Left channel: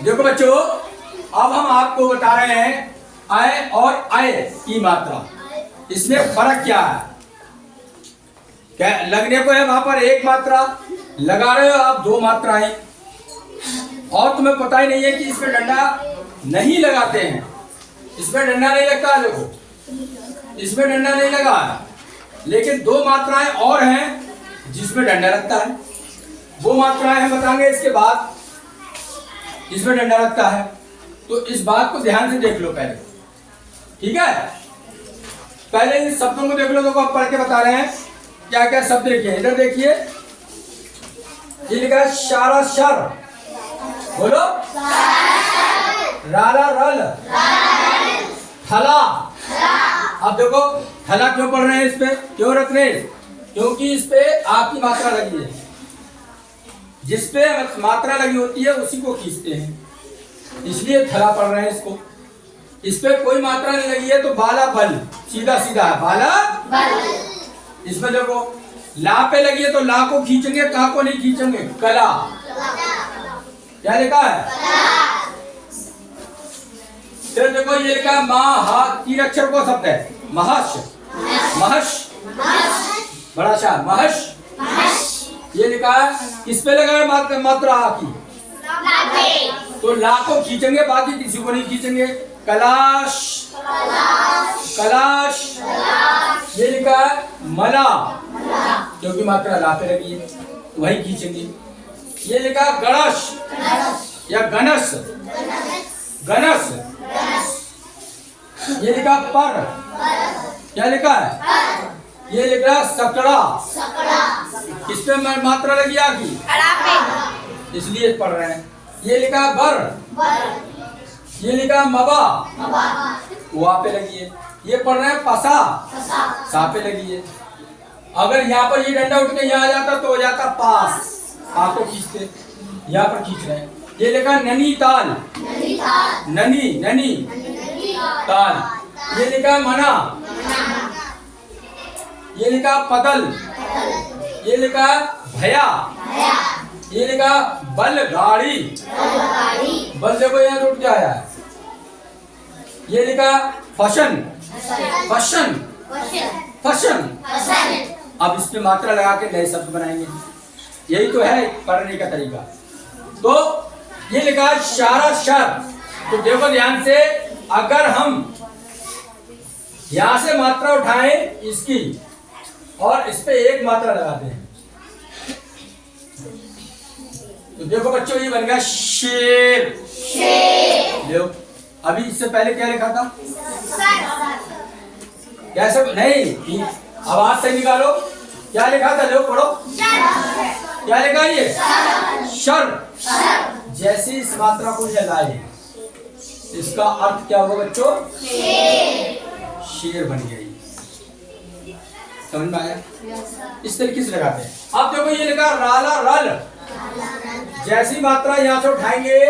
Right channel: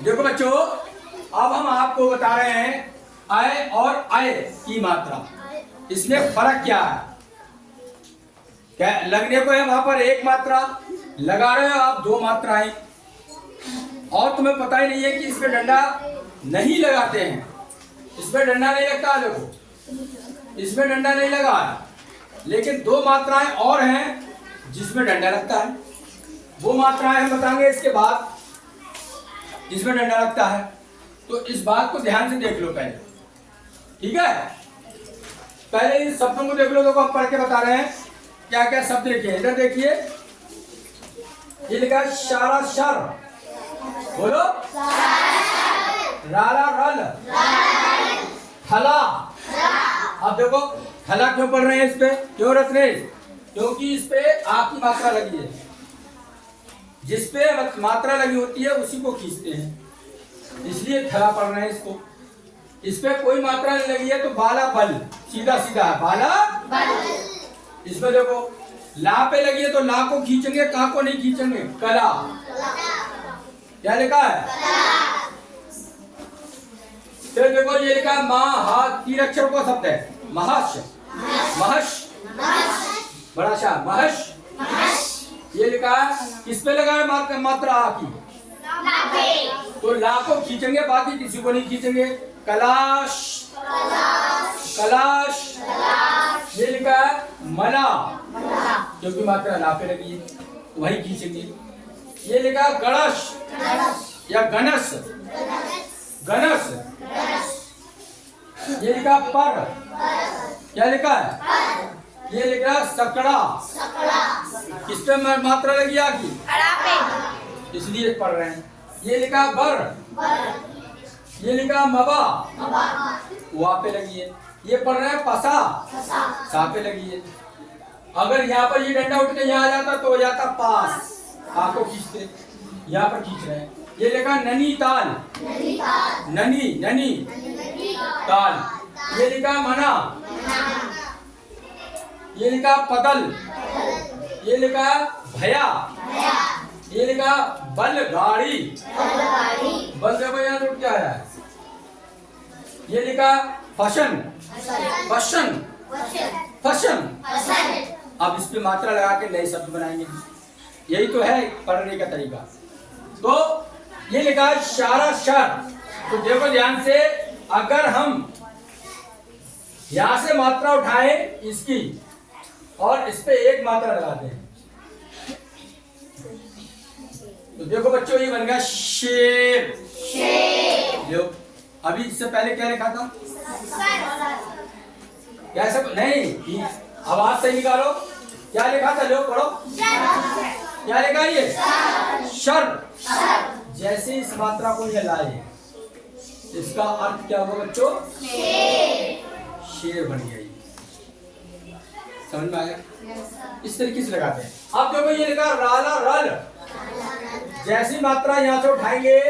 देखो बच्चों, अब हम आपको बता रहे हैं अय और अय की मात्रा, इसमें फर्क क्या है। क्या लगने को है वहां पर एक मात्रा, लगा रहे हो आप दो मात्राएं, और तुम्हें पता ही नहीं है कि इसमें डंडा नहीं लगाते हैं। इसमें डंडा नहीं लगता है, देखो इसमें डंडा नहीं लगा है, लेकिन दो मात्राएं और हैं जिसमें डंडा लगता है। वो मात्राएं हम बताएंगे इसके बाद जिसमें डंडा लगता है। तो इस बात को ध्यान से देख लो पहले, ठीक है। पहले इन शब्दों को देख लो, तो आप पढ़ के बता रहे हैं क्या क्या शब्द। देखिए इधर देखिए, ये लिखा है शारा शर, बोलो राला रल, थला। अब देखो थला क्यों पढ़ रहे हैं, इस पे क्यों रख रहे हैं? क्योंकि इस पे आपकी मात्रा लगी है, जिस पे मात्रा लगी होती है उसी को खींचते हैं, इसलिए थला पढ़ रहे हैं इसको। इस पे कोई मात्रा नहीं लगी है तो बाला बल, सीधा सीधा है बाला बल। इसमें देखो ला पे लगी है तो ला को खींचेंगे, का को नहीं खींचेंगे, कला। क्या लिखा है? फिर देखो ये लिखा है महा, तीन अक्षर को शब्द है, महश, महश, बड़ा सा महश। ये लिखा है किस पे लगा है मात्रा आ की, तो ला को खींचेंगे, बाकी किसी को नहीं खींचेंगे। कलाश, कलाश। ये लिखा है मला, क्योंकि मात्रा ला पे लगी है तो वही खींचेंगे। ये लिखा है गणश या गणस, गणस। ये लिखा पर, क्या लिखा है? ये लिखा है सकड़ा, किसमें मात्रा लगी आगी, इसलिए पढ़ रहे हैं। ये लिखा बर, ये लिखा मबा, वहां पे लगी है। ये पढ़ रहे हैं पसा, सा पे लगी है। अगर यहाँ पर ये डंडा उठ के यहाँ आ जाता तो हो जाता पास, आपको खींचते, यहाँ पर खींच रहे हैं। ये लिखा ननी ताल, ननी ननी ताल। ये लिखा मना, ये लिखा पदल, ये लिखा भया, ये लिखा बल गाड़ी, बल देखो यहाँ टूट के आया है। ये लिखा फशन, फशन, फशन। अब इस पे मात्रा लगा के नए शब्द बनाएंगे, यही तो है पढ़ने का तरीका। तो ये लिखा है शारा शर, तो देखो ध्यान से, अगर हम यहां से मात्रा उठाएं इसकी और इस पे एक मात्रा लगाते हैं, तो देखो बच्चों ये बन गया शेर। देखो अभी इससे पहले क्या लिखा था, क्या सब नहीं, आवाज से निकालो, क्या लिखा था, लो पढ़ो, क्या लिखा ये शर। जैसे इस मात्रा को चलाए, इसका अर्थ क्या होगा बच्चों, शेर बन गई। समझ में आया? इस तरीके से लगाते हैं। अब देखो ये लिखा राला रल, जैसी मात्रा यहां से उठाएंगे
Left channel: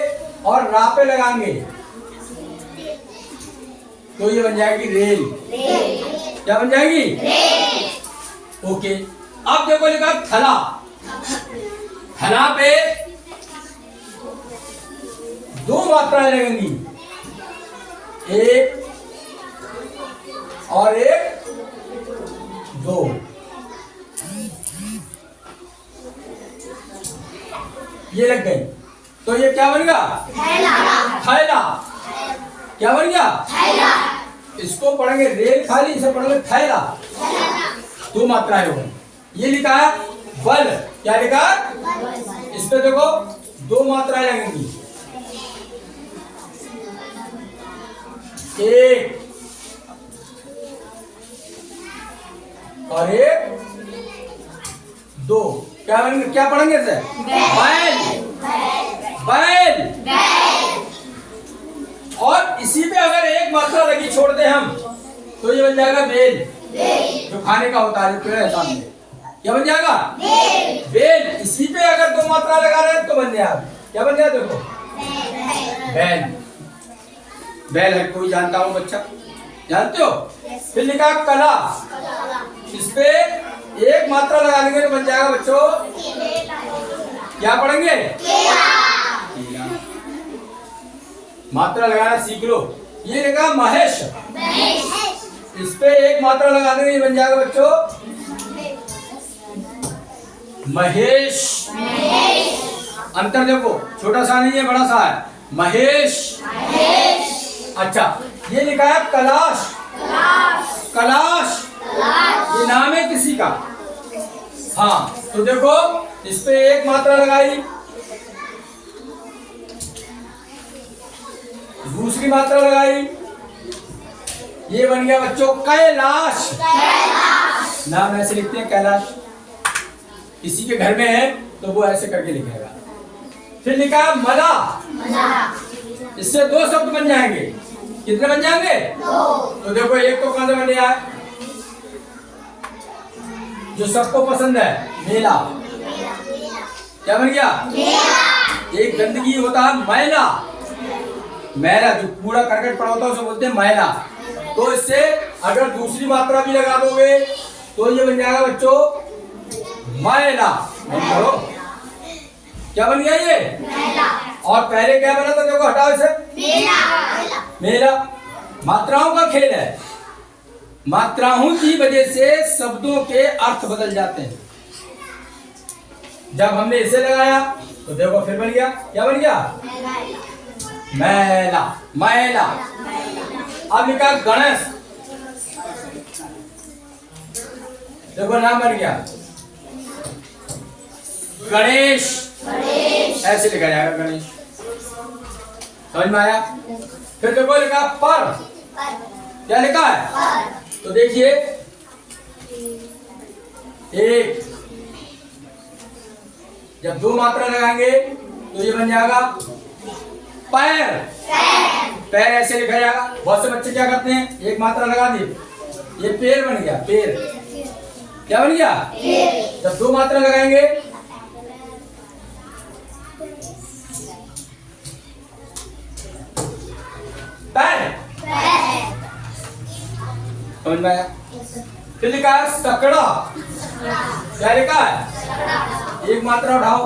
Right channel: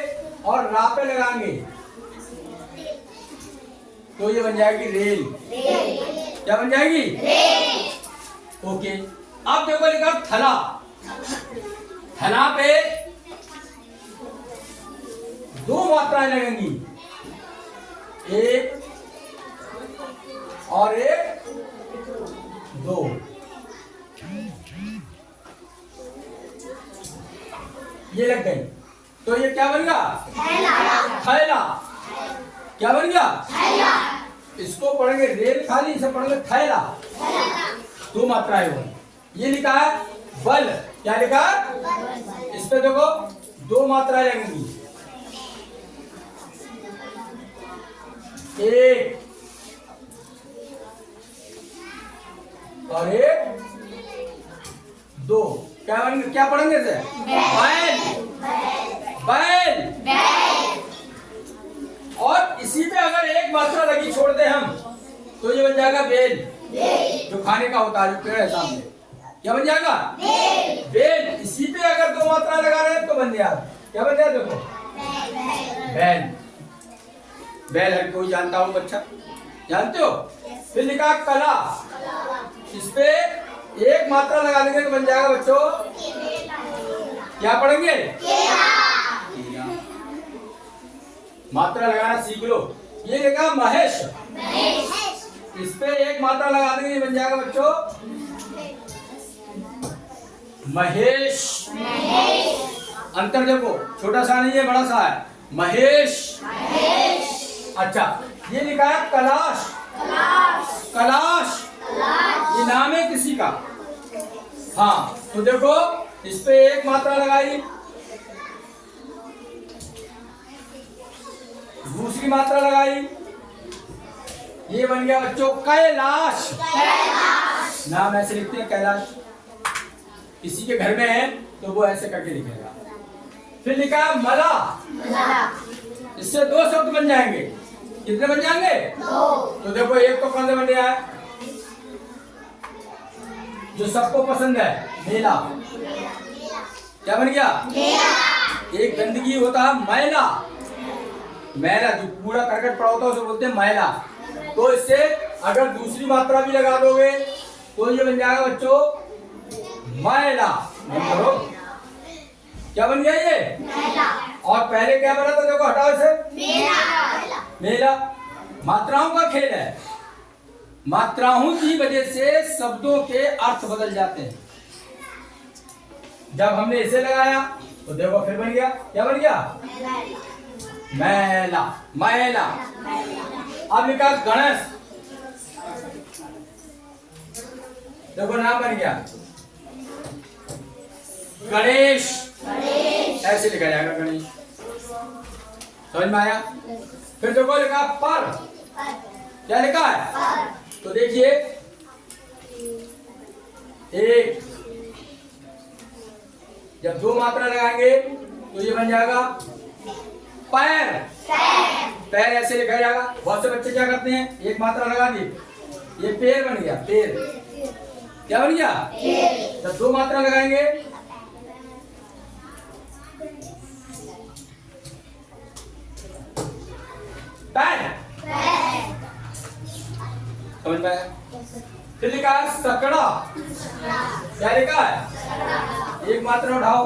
और रा पे लगाएंगे तो ये बन जाएगी रेल। क्या बन जाएगी? रेल। ओके। अब देखो लिखा थला, थला पे दो मात्राएं लगेंगी, एक और एक, दो। ये लग गई तो ये क्या बन गया, थैला। थैला क्या बन गया, थैला। इसको पढ़ेंगे रेल खाली, इसे पढ़ेंगे थैला, दो मात्राएं होंगी। ये लिखा है बल, क्या लिखा है, इस पे देखो दो मात्राएं लगेंगी, एक और एक, दो। क्या पढ़ेंगे इसे, बैल, बैल। और इसी पे अगर एक मात्रा लगी छोड़ते हम तो ये बन जाएगा बेल, जो खाने का होता है, जो पेड़ है सामने, क्या बन जाएगा, बेल। इसी पे अगर दो मात्रा लगा रहे हैं तो बन गया, क्या बन गया, देखो बैल। बैल है, कोई जानता हो बच्चा, जानते हो? फिर लिखा कला, इस पे एक मात्रा लगाने के बन जाएगा बच्चों, क्या पढ़ेंगे, मात्रा लगाना सीख लो। ये लिखा महेश, इस पे एक मात्रा लगा देंगे, ये बन जाएगा बच्चों महेश। अंतर देखो, छोटा सा नहीं है, बड़ा सा है, महेश। अच्छा, ये लिखा है कलाश, कलाश, ये नाम है किसी का। हाँ, तो देखो इस पे एक मात्रा लगाई, दूसरी मात्रा लगाई, ये बन गया बच्चों कैलाश। नाम ऐसे लिखते हैं कैलाश, किसी के घर में है तो वो ऐसे करके लिखेगा। फिर लिखा है मदा, इससे दो शब्द बन जाएंगे। कितने बन जाएंगे? तो देखो एक तो कहां से बन गया है, जो सबको पसंद है, मेला। क्या बन गया? एक गंदगी होता है मैला, मैला जो कूड़ा करकट पड़ा होता है उसे बोलते हैं मैला। तो इससे अगर दूसरी मात्रा भी लगा दोगे तो ये बन जाएगा बच्चों मैला। करो, क्या बन गया ये? मैला। और पहले क्या बना था? देखो हटाओ इसे, मेला। मेला मात्राओं का खेल है, मात्राओं की वजह से शब्दों के अर्थ बदल जाते हैं। जब हमने इसे लगाया तो देखो फिर बन गया, क्या बन गया? मैला, मैला। अब लिखा गणेश, देखो नाम बन गया गणेश, ऐसे लिखा जाएगा गणेश। समझ में आया? फिर देखो लिखा पर, क्या लिखा है? तो देखिए एक, जब दो मात्रा लगाएंगे तो ये बन जाएगा पैर, पैर ऐसे लिखा जाएगा। बहुत से बच्चे क्या करते हैं, एक मात्रा लगा दी, ये पैर बन गया, पैर। क्या बन गया? जब दो मात्रा लगाएंगे पैर, समझ में आया? फिर लिखा है सकड़ा, क्या लिखा है? एक मात्रा उठाओ,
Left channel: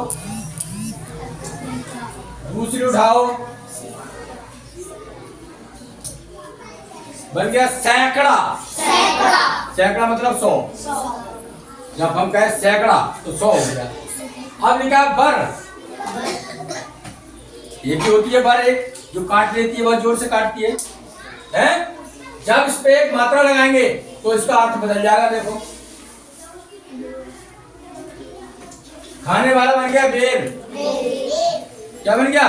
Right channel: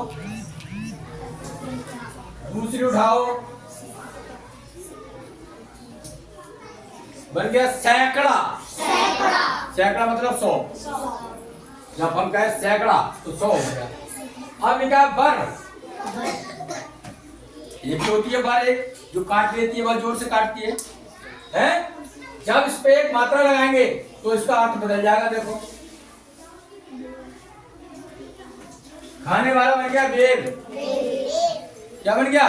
दूसरी उठाओ, बन गया सैकड़ा। सैकड़ा मतलब 100। जब हम कहें सैकड़ा तो 100 हो गया। अब लिखा है बर, ये भी होती है बर, एक जो काट लेती है, बहुत जोर से काटती है, हैं? जब इस पे एक मात्रा लगाएंगे तो इसका अर्थ बदल जाएगा। देखो खाने वाला बन गया बेर, क्या बन गया?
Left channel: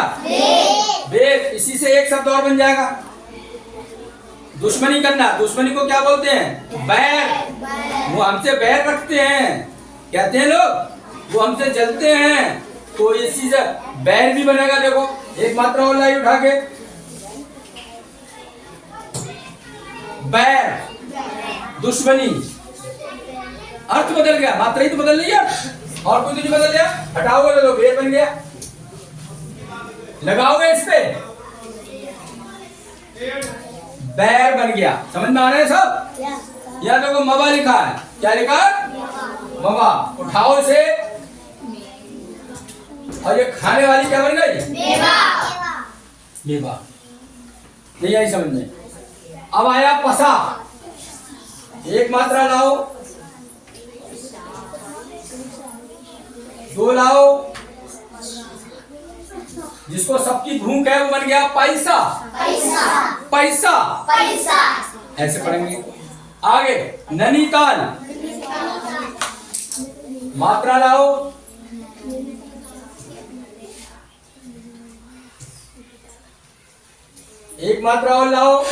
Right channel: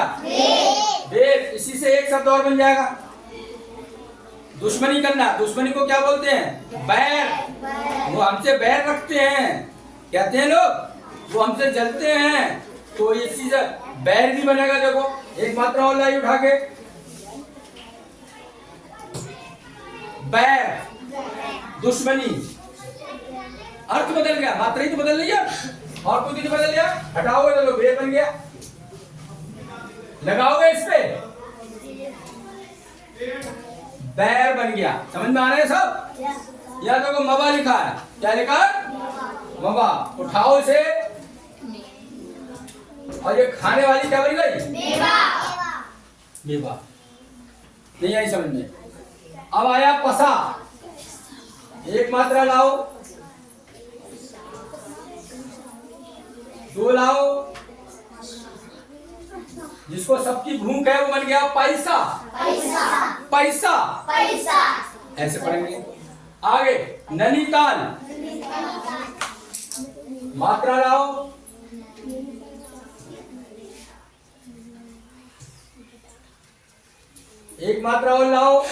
बेर। इसी से एक शब्द और बन जाएगा, दुश्मनी करना। दुश्मनी को क्या बोलते हैं? बैर। वो हमसे बैर रखते हैं, कहते हैं लोग, वो हमसे जलते हैं, तो इसी से बैर भी बनेगा। देखो एक मात्रा और लाई उठा के, बैर, दुश्मनी। अर्थ बदल गया, मात्रा ही तो बदल रही है, और कुछ नहीं बदल गया। हटाओगे तो बैर बन गया, लगाओगे इस पे बैर बन गया। समझ में आ रहे हैं सब? यहाँ देखो मवा लिखा है, क्या लिखा है? मवा। उठाओ इसे, और ये खाने वाली क्या बन गई? मेवा। मेवा। नहीं आई समझ में? अब आया पसा, एक मात्रा लाओ, दो लाओ, जिसको सबकी भूख है वो बन गया पैसा। पैसा, पैसा, ऐसे पढ़ेंगे। आगे नैनीताल, मात्रा लाओ, एक मात्रा और लाओ,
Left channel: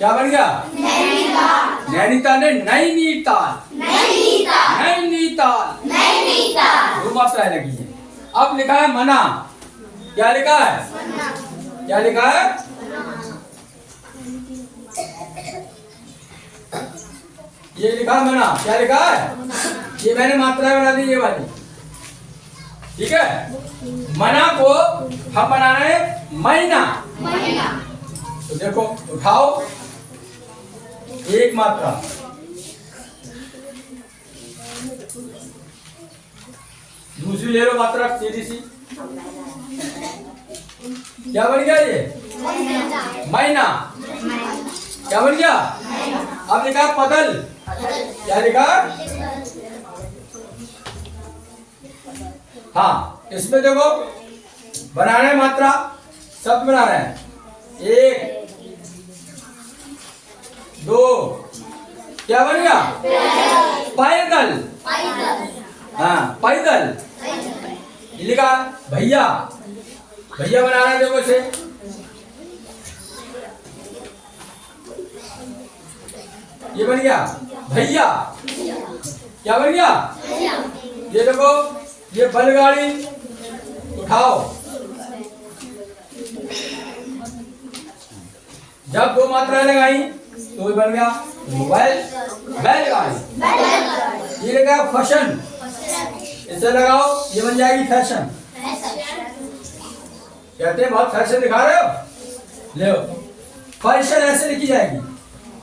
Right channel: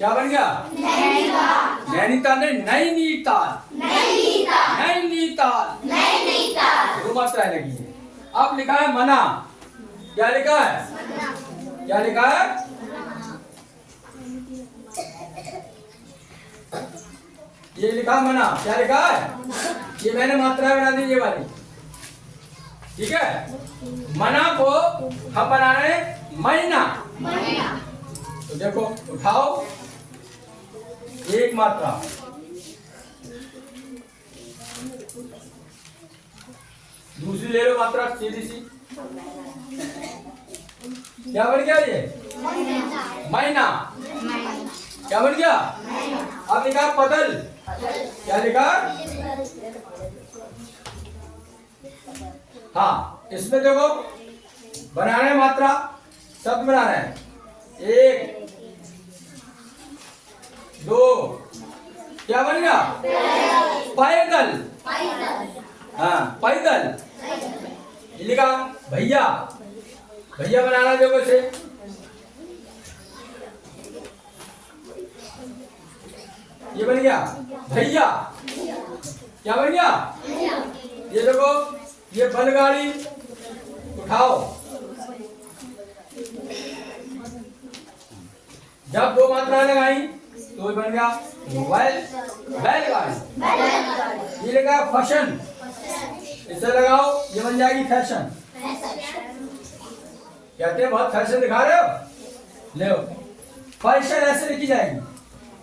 क्या बन गया? नैनीताल। नैनीताल ने नैनीताल, नैनीताल, नैनीताल। दो मात्राएं लगी है। अब लिखा है मना, क्या लिखा है? क्या लिखा है? ये लिखा मना, क्या लिखा है? ये मैंने मात्राएं बना दी, ये वाली, ठीक है। मना को हम बना रहे हैं महीना। तो देखो उठाओ, एक मात्रा, दूसरी ले लो मात्रा सीधी सी। क्या बन गया ये? महीना। क्या बन गया? अब लिखा पगल। क्या लिखा? हाँ, इसमें देखो बना रहे हैं मात्रा, शब्द बना रहे हैं। 1 2, क्या बन गया? पैदल। हाँ, पैदल लिखा। भैया, भैया बना रहे हैं देखो इसे। ये बन गया भैया। क्या बन गया? ये देखो, ये बैलगाड़ी उठाओ। जब 2 मात्राएं लगाई तो ये बन गया मोबाइल, बैलगाड़ी। ये लगा फैशन, इसे लगाओ, ये बन जाएगी फैशन। कहते हैं बहुत फैशन दिखा रहे हो, ले फैशन ऐसे लिखी जाएगी।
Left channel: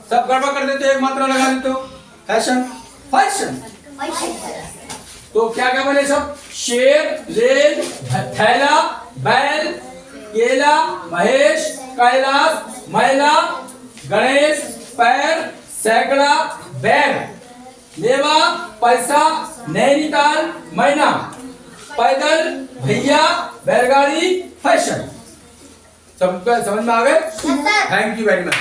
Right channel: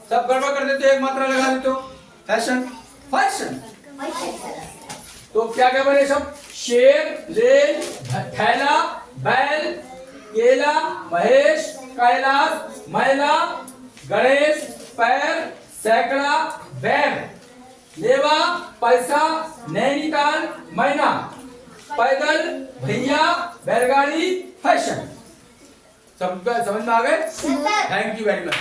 सब गड़बड़ कर देते हो, एक मात्रा लगा देते हो, फैशन, फैशन। तो क्या क्या बने सब? शेर, रेल, थैला, बैल, केला, महेश, कैलाश, महिला, गणेश, पैर, सैकड़ा, बैग, मेवा, पैसा, नैनीताल, महीना, पैदल, भैया, बैलगाड़ी, फैशन। सबका समझ में आ गए? Thank you very much.